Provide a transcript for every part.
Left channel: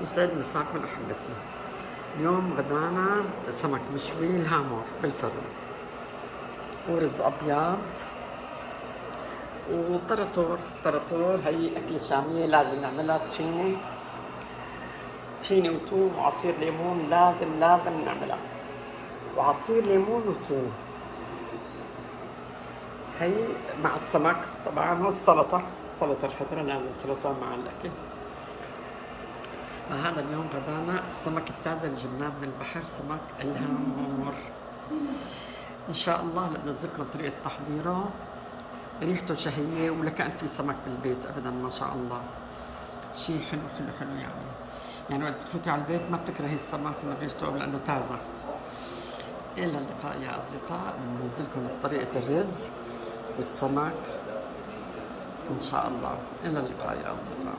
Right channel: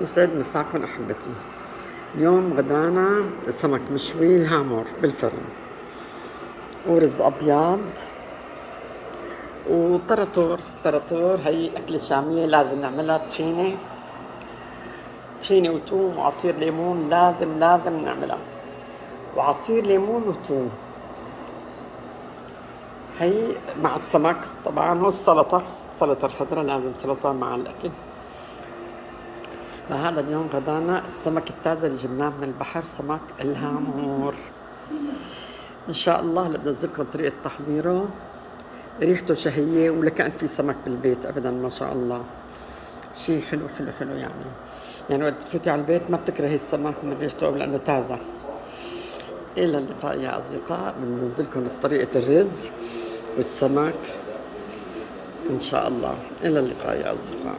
يسعد مساكم أحبتي. اليوم غدانا سمك مشوي الهامور بالفرن ورز أبيض وطرطور. هي أكلة شامية لازم نعملها طحينة وتوم وعصير ليمون، لازم نعملها، وعصير ليمون وتوم. هي مع السمك طبعا، والسلطة، سلطة الخضراء، لازم سلطة مع الأكل. فهذا اليوم غدانا السمك التازة اللي جبناه من البحر، سمك الهامور. إن شاء الله بدي أذكركم طريقة تحضيره، ريحته شهية ولكأن في سمك بالبيت أبدا، ما شاء الله، شيء حلو يعني وقت تفوتي على البيت ما بتكرهي السمك من ريحته لأنه تازة. إلى اللقاء يا أصدقاء، بننزلكم طريقة الرز والسمك إن شاء الله. إلى اللقاء يا أصدقاء.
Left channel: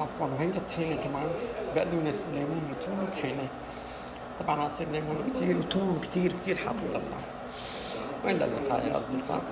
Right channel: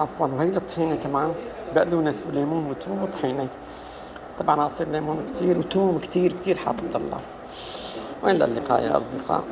عفوا، وهي الطحينة كمان بقدونس وليمون وثوم وطحينة. طبعا عصير ليمون كتير وثوم كتير حاطط الله. وإلى اللقاء يا أصدقاء.